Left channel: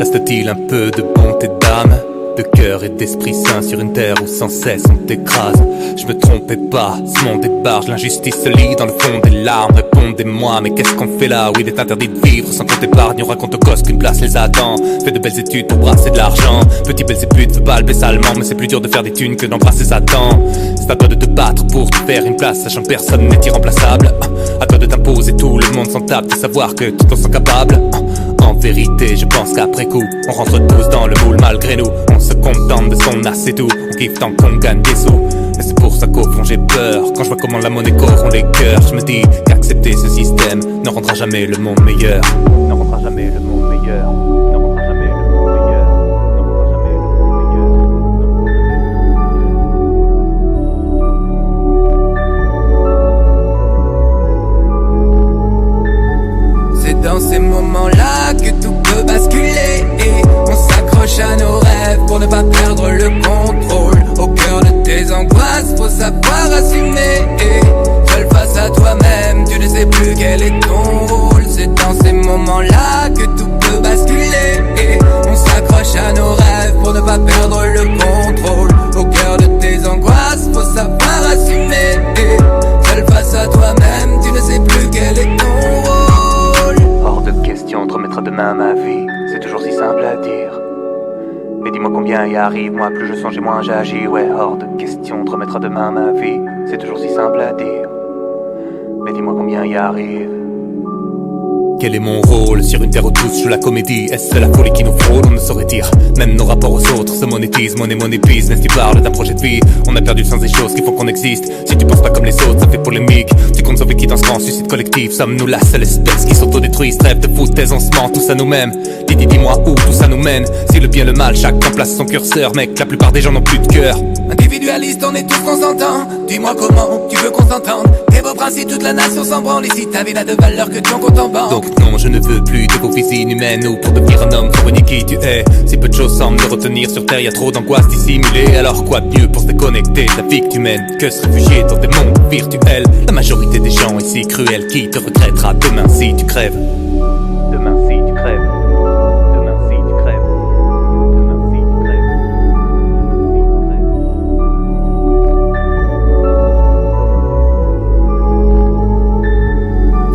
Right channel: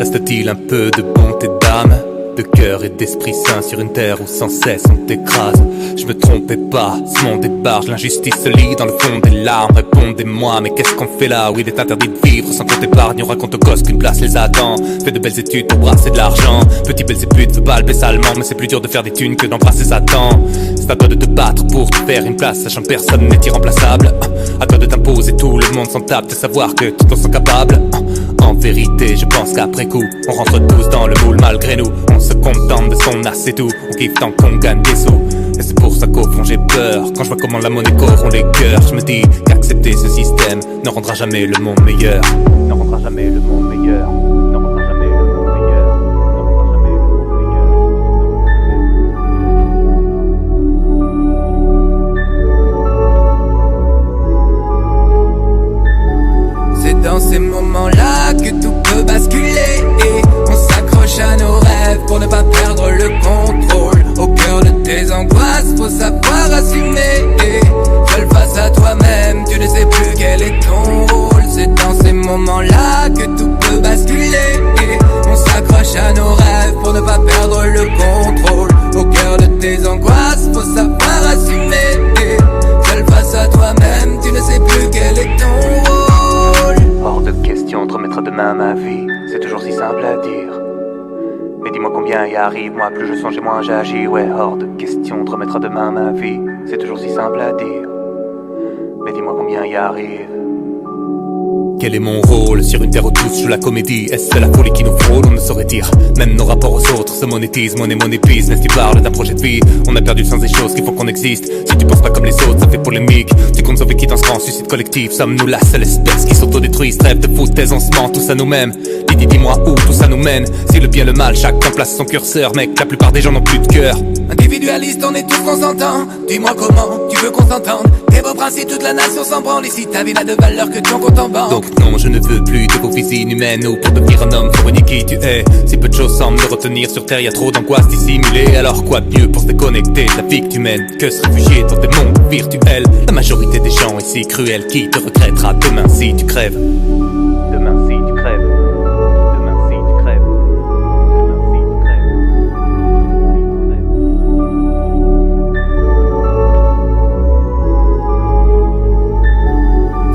Reste-t-il un peu de bonté d'âme, de cœur et d'esprit sain sur une terre où sans cesse on t'écrase? Je me trompais pas, ce monde débarque, l'injustice se lit dans le fond des larmes. Répondez-moi, mais qu'est-ce qu'on fait là où il est interdit de vivre sans compte épargne? On raconte aux gosses qu'une place les attend. Fais de belles études pour brasser de l'argent. Petit belzébuth veut balber salement, mais c'est plus dur de faire des thunes que d'embrasser Satan. C'est à toi de te battre pour te faire une place, sachant que personne n'est irremplaçable. À toi de t'imposer, tout le monde s'en tape de savoir que tout en sont capables. En vérité, je pense qu'après coup, on rentre tous dans le moule malgré nous. On se contente de son as, c'est tout. On kiffe tant qu'on gagne des sous. Et c'est pour ça qu'au fond j'ai peur quand je vois comment la monnaie corrompt les cœurs. Je me dis qu'accepter ce système ne rendra jamais le monde meilleur. Ne rendra jamais le monde meilleur. Ne rendra jamais le monde meilleur. Ne rendra jamais le monde meilleur. C'est dans ces moments-là que tout peut basculer. Et on s'accroche à nos rêves pour ne pas perdre le contrôle. Au cœur de tes angoisses, faut savoir assumer. Et seul face à toi-même, tu ne sais plus quel est ton rôle. C'est dans ces moments-là que tout peut basculer. Et on s'accroche à nos rêves pour ne pas perdre le contrôle. Au cœur de tes angoisses, faut savoir assumer. Et seul face à toi-même, tu ne sais plus quel est ton rôle. Hors de question de remettre à demain ma vie, c'est toujours si simple à dire. Mais dis-moi combien y arrive, moi plus je songe et moins j'agis. Ouais, hors de question de remettre à demain ma vie, c'est toujours si simple à dire. Mais dis-moi combien y arrive. Quel est mon rôle sur une terre où tous joue la comédie? Est-ce la folie qui nous frôle? On ne saurait dire. Même nos rapports aux autres se monétisent. Monnaie, monnaie, business. Tu parles d'un projet de vie. On a perdu le sens des choses qui font qu'on existe. Si tu penses pas comme les autres, ça fait polémique. Tu comptes sauver qui dans ce grand suicide collectif? Sommes-nous la seule espèce qui s'autodétruit? Rêve de foutaise, on se ment tous à nous-mêmes. Dis-moi où tout ça nous mène. Si le bien, le mal, chacun place son curseur. Mec, la plupart des gens n'ont plus de cœur. Individualiste, on est tous consentants. Dis-moi comment tu veux qu'on s'entende. Tes beaux principes, toute la nation s'en branle. Ici ta vie n'a de valeur que ton compte en banque. Donc non, je ne veux plus de vos vies inhumaines. Ou pour devenir un homme, faut renier qui tu es. Si peu de choses semblent me retenir sur terre, y a trop d'angoisse dissimulée. Alors quoi de mieux pour se déconnecter de la vie que tu mènes que se réfugier dans des mondes virtuels? La majorité des gens est si cruelle. Qui te regrettera demain si tu crèves? Demain si tu crèves. Demain si tu crèves. Demain si tu crèves.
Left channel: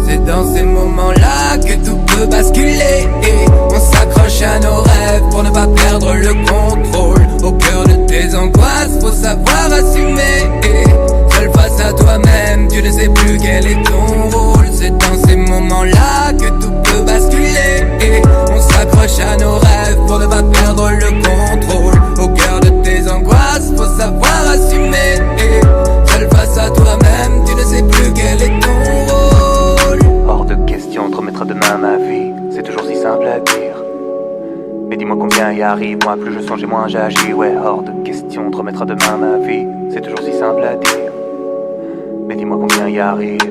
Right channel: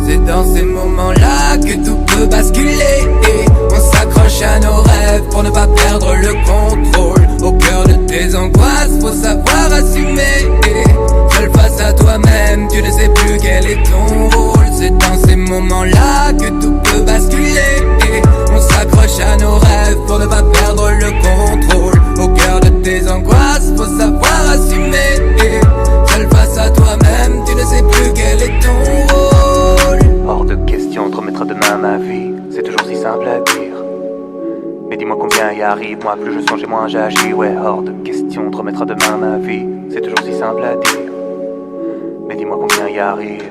C'est dans ces moments-là que tout peut basculer. Et on s'accroche à nos rêves pour ne pas perdre le contrôle. Au cœur de tes angoisses, faut savoir assumer. Et seul face à toi-même, tu ne sais plus quel est ton rôle. C'est dans ces moments-là que tout peut basculer. Et on s'accroche à nos rêves pour ne pas perdre le contrôle. Au cœur de tes angoisses, faut savoir assumer. Et seul face à toi-même, tu ne sais plus quel est ton rôle. Hors de question de remettre à demain ma vie, c'est toujours si simple à dire. Mais dis-moi combien y arrive, moi plus je songe et moins j'agis. Ouais, hors de question de remettre à demain ma vie, c'est toujours si simple à dire. Mais dis-moi combien y arrive.